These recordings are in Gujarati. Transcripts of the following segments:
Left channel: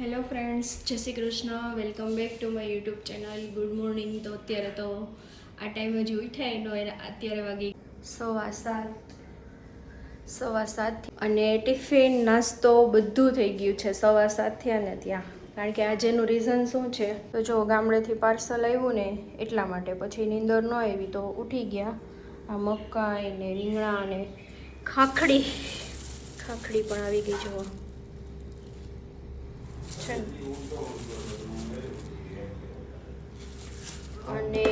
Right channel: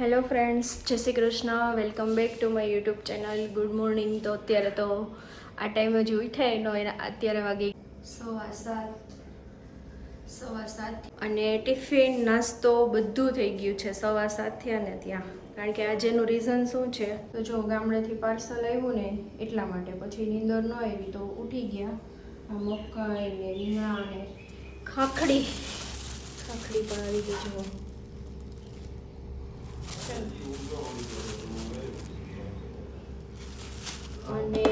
હેલો ફ્રેન્ડ્સ, જય Shri Krishna. Welcome back to my YouTube channel. Good morning. તો અત્યારે તો આ ટાઈમે જ ઉઠાય નો અત્યારે વાગી 7:15 અને ટિફિન નાસ્તો બધું થઈ ગયું છે 7:15 થયા ને ત્યાં. કારણ કે આજેનું રીઝન શું છે તો જો ગામડેથી પાર્સલ આવ્યું ને એટલા માટે પછી નીંદર ન આવી તો ઉઠી ગયા. આ મકાઈ ને રીંગણા ને ખાખડી પણ આવી ગઈ જુઓ. અને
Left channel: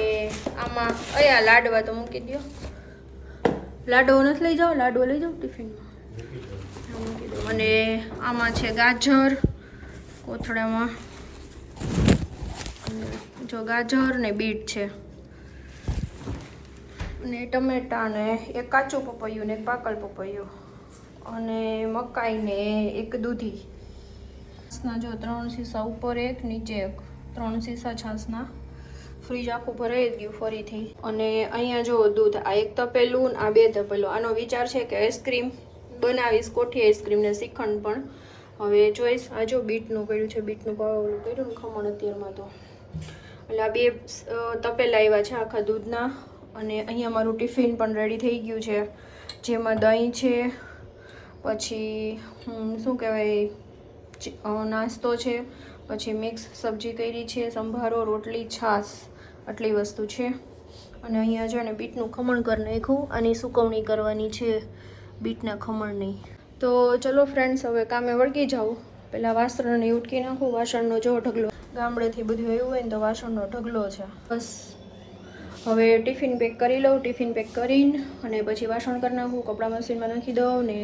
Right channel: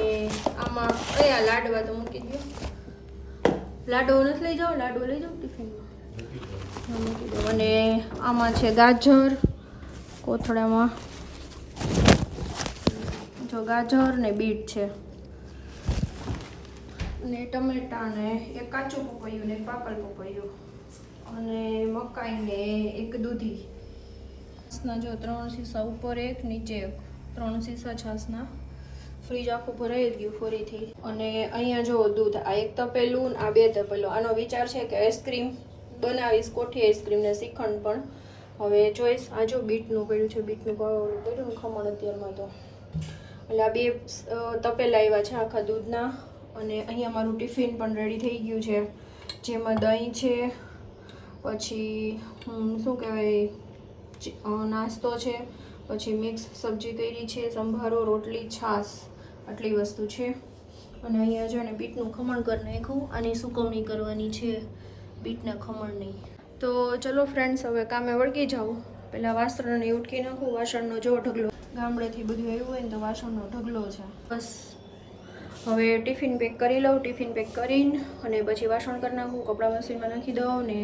આમાં અહીંયા લાડવા તો મૂકી દો. લાડવો નથી લઈ જાઓ, લાડવો લઈ જાઓ ટિફિનમાં મૂકી દો. અને આમાં છે ગાજર કોથળામાં, જો ગાજર ને બીટ છે ને ટમેટા ને એક કાચું પપૈયું ને એક પાકલ પપૈયું અને મકાઈ ને એક દૂધી. છાસના જો 3 શીશા ઉપર એક નીચે એક, 3 શીશા છાસના. ફ્રીજ આખું ભરાઈ ગયું ફરીથી. અને અહીંયા જો દૂધ, આ એક તપેલું, આ 2 તપેલું. આનો વિચાર છે કે આઈસ્ક્રીમ બનાવીશ, કોઠી આઈસ્ક્રીમ ને શ્રીખંડ પણ. હવે જોઈશ. આ જો બીટનું કર્યું છે, બીટનું પાવડું કર્યું ને ખમણ અત્યારમાં તો. એટલે આ 2 તપેલા આવ્યા છે આખા દૂધના. અને અહીંયા મારું ટિફિન પણ રેડી થઈ ગયું છે, જેમાં દહીં છે, પછી શું કહેવાય નાસ્તો છે, પછી મિક્સ સબ્જી કરી છે, સંભારો, રોટલી, છાશ, આટલી વસ્તુ છે. અને અહીંયા છે ને બીટનું ખમણ કરી નાખ્યું. આની સુકવણી કરવાની છે બીટના ખમણની. તો ચલો ફ્રેન્ડ્સ, હવે કામે વળગી જાઉં. પહેલાં વાસણને ઉટકી નાખું. વાસણનો જો ઢગલો, ગામડેથી બધું આવ્યું હોય ને તો વાસણનો ઢગલો છે. બસ હવે ટિફિન પેક કરી લઉં. ટિફિન પેક કરીને અને પછી વાસણ કરી નાખું, કપડાં મશીનમાં નાખી દઉં ને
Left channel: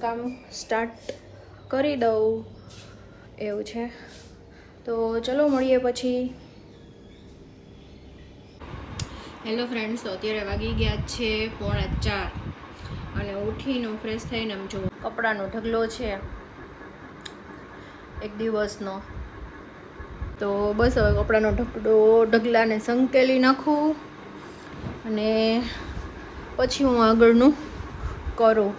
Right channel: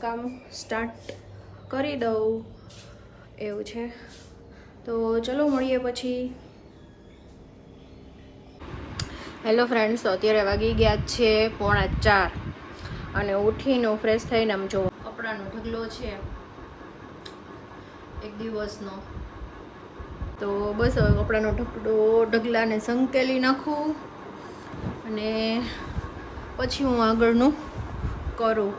કામ સ્ટાર્ટ કરી દઉં. એવું છે. તો ચલો મળીએ પછી. હેલો ફ્રેન્ડ્સ, તો અત્યારે વાગી ગયા છે 3:45 અને ઉઠીને ફ્રેશ થઈને આમ જો કપડાનો ઢગલો છે એક દિવસનો. તો બસ હવે કપડાનો ઢગલાને સંકેલી નાખું અને પછી હું આગળનું કરું.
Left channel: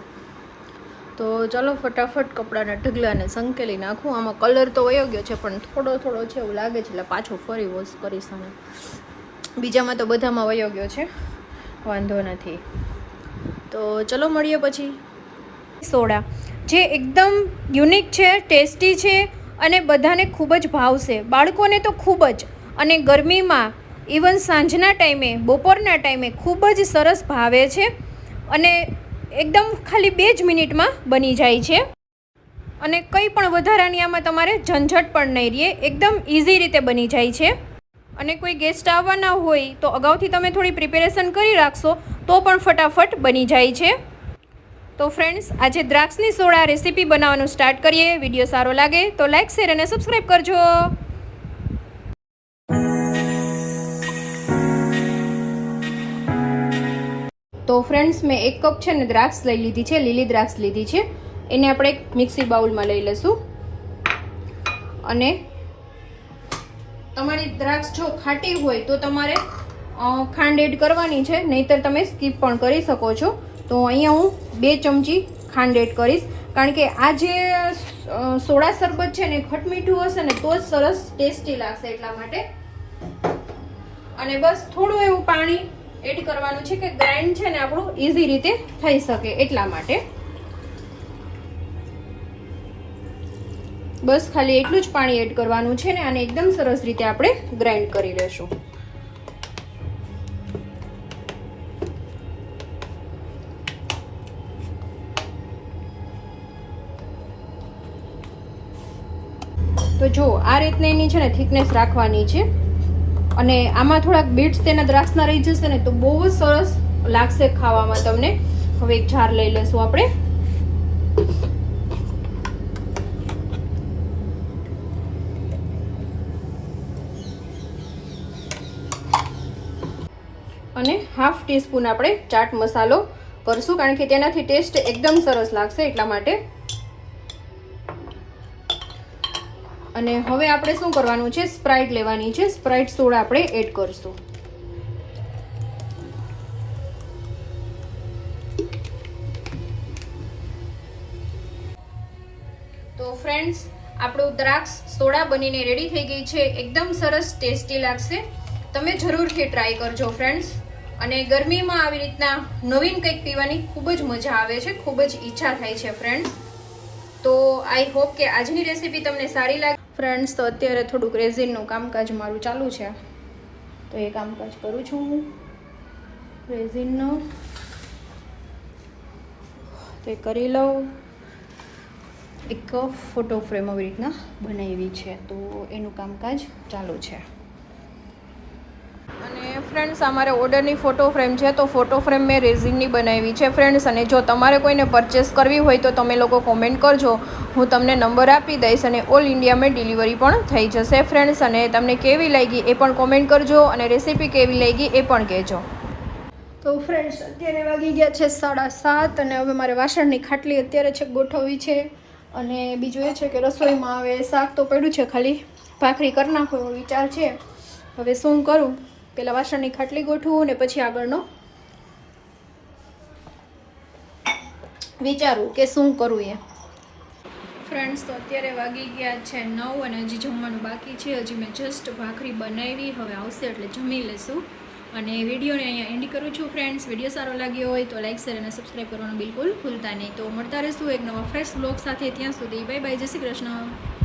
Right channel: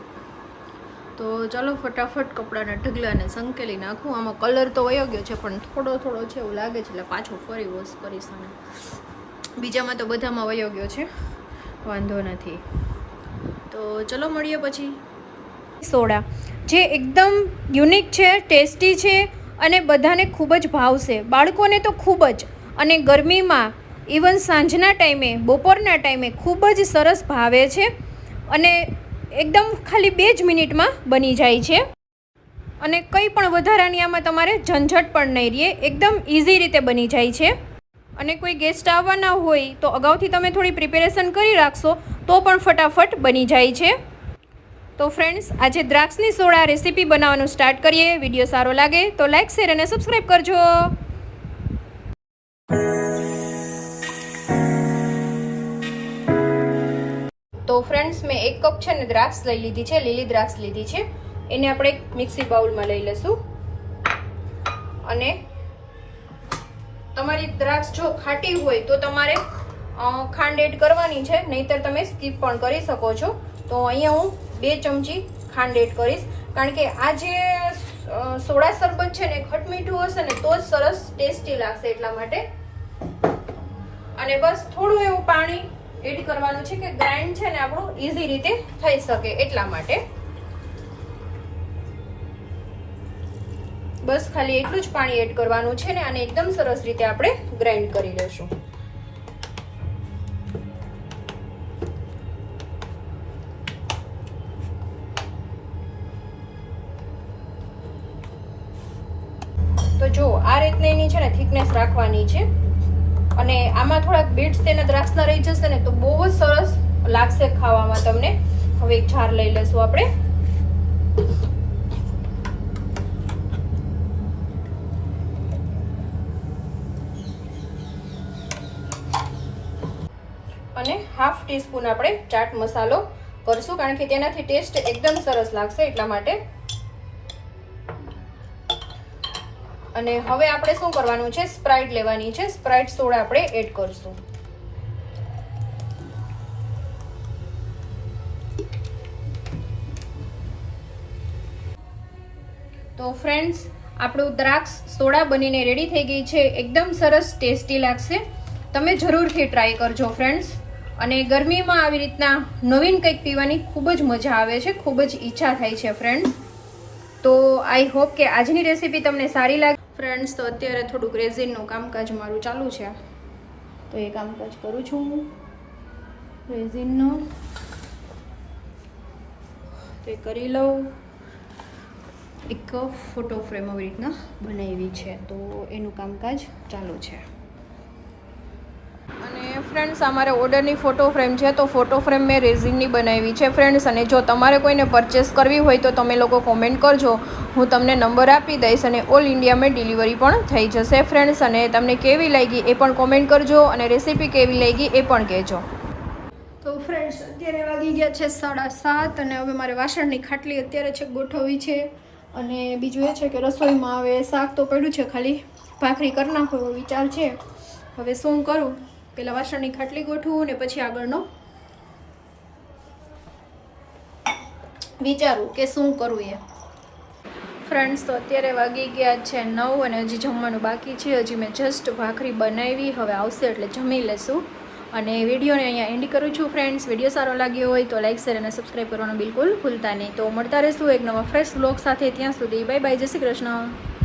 તો ચલો ફટાફટ કપડાના ઢગલાને સંકેલી નાખું. આમાં કલર તો વયો ગયો છે પણ થોડો છે એવું લાગે છે, એટલે પાછો ફરી વોશ કરીશ. અને બીજામાં તો બધામાં વયો ગયો છે, વાંધો નથી. તો ચલો મળીએ પછી. સોડા જે એકદમ યુનિક છે, ટેસ્ટી છે અને બધાને ખૂબ જ ભાવશે. બાળકોને તો ખૂબ જ, અને ગરમીમાં ઇવન સાંજના ટાઈમે, બપોરના ટાઈમે ખૂબ જ સરસ ભાવે છે. અને એકદમ ખાલી 2 જ મિનિટમાં બની જાય છે. અને કંઈ પણ વધારાની આમાં તમારે ઝંઝટ પણ નહીં રહે, એકદમ ઇઝી રીતે બની જાય છે. અને કોઈ ગેસ્ટ આવવાના હોય તો અગાઉથી તમે થોડી પ્રિપેરેશન કરી રાખશો તો પણ ફટાફટ બની જાય છે. તો ફ્રેન્ડ્સ, આજે દ્રાક્ષની સોડા રેસીપી બનાવવાનું સ્ટાર્ટ કરીએ. વિડીયો સારો લાગે તો લાઇક, શેર અને સબસ્ક્રાઈબ કરજો. તો ફ્રેન્ડ્સ, મેં 1 કપ છે ને દ્રાક્ષ લઈ લીધી છે, લીલી દ્રાક્ષ લીધી છે. એને આપણે એક મિક્સી બાઉલમાં લઈ લેશું. અને તમારી દ્રાક્ષ જો ખાટી હોય તો તમારે ખાંડ એડ કરવાની છે, નહીંતર તમે સ્કીપ પણ કરી શકો છો. તો અહીંયા હું 2 ચમચી ખાંડ એડ કરીશ, કારણ કે આ જે સોડા શરબત છે ને ખટમીઠું હશે ને તો જ સરસ ટેસ્ટી લાગશે, એટલા માટે. અને બસ થોડું એવું પાણી એડ કરવાનું છે કે ગ્રાઇન્ડ છે ને આપણું ઇઝી રીતે થઈ શકે, એટલા માટે. બસ ખાલી એટલું જ પાણી એડ કરવાનું છે ને આને એકદમ સરસ રીતે આપણે ગ્રાઇન્ડ કરી લેશું. તો જો આ રીતના એની છે ને થિકનેસ રાખવાની છે. અને આમાં થોડાક બીટ્સ તેના દ્રાક્ષના રહી જશે ને તો બહુ જ સરસ લાગશે ખાવામાં તમને. હવે એક જાર લઈ લેશું આપણે. અને ½ ટીસ્પૂન આપણે ચાટ મસાલો કરશું, કારણ કે તેનાથી ટેસ્ટ એકદમ સરસ લાગશે, એટલા માટે. અને હવે આપણે શું કરવાનું છે, સ્પ્રાઇટ લેવાની છે. સ્પ્રાઇટ સોડા આપણે એડ કરશું. તો ફ્રેન્ડ્સ, આપણું દ્રાક્ષ સોડા બનીને રેડી થઈ ગઈ છે. એકદમ સરસ ટેસ્ટી લાગશે. તમે જરૂરથી ટ્રાય કરજો ફ્રેન્ડ્સ. અને ગરમીમાં આવી રીતના નવીન કંઈક પીવાની ખૂબ જ મજા આવે છે, ખૂબ જ ઈચ્છા થાય છે ફ્રેન્ડ્સ. તો આઈ હોપ કે આજની રેસીપી તમને સારી લાગે ફ્રેન્ડ્સ. તો અત્યારે થોડુંક રેઝિનનું કામકાજ મારું ચાલુ છે, તો એ કામકાજ કરું છું હું રેઝિનનું. તો એ કરી લઉં. એક ફોટો ફ્રેમ આવી રીતના બનાવી છે, તો એનું કામકાજ ચાલુ છે. અને ફ્રેન્ડ્સ અમારે ઓર્ડરની ફોટો ફ્રેમ છે, તો ફોટો ફ્રેમ મેં રેઝિનની બનાવી છે ફ્રેન્ડ્સ. અને જો તમારે કોઈને પરચેસ કરવી હોય તો તમે લોકો કોમેન્ટ કરજો, હું તમને નંબર આપી દઈશ અને ઓલ ઇન્ડિયામાં ડિલિવરી પણ થઈ જશે ફ્રેન્ડ્સ. અને તમને કેવી લાગી એ પણ કોમેન્ટ કરજો અને રેસીપી કેવી લાગી એ પણ કહેજો. તો ફ્રેન્ડ્સ અત્યારે વાગી ગયા છે 7:30 અને હવે મારે વાસણની ખાટલી અત્યારે છે ગોઠવવી છે. અને બીજું એ છે કે રસોઈમાં હવે શાક તો પડ્યું છે, ખાલી ભાખરી કરી નાખો એવો વિચાર છે. હવે શું કરું, પહેલાં વાસણની ખાટલી ગોઠવું ને પછી આગળનો વિચારું કે શું કરવું એ. ફ્રેન્ડ્સ તો અત્યારે વાગી ગયા છે 9 અને હજી જમવાનું બાકી છે. હજી મેં જસ્ટ ભાખરી બનાવી, હવે આવશે એટલે જમી લેશું. અને વિડીયોને અહીંયા એન્ડ કરું છું ફ્રેન્ડ્સ. વિડીયો સારો લાગ્યો હોય તો લાઇક, શેર અને સબસ્ક્રાઈબ કરવાનું બિલકુલ ભૂલતા નહીં. તો મળતા રહીશું એક નવા ફ્રેશ વ્લોગ સાથે. ત્યાં સુધી બાય બાય, જય શ્રી કૃષ્ણ.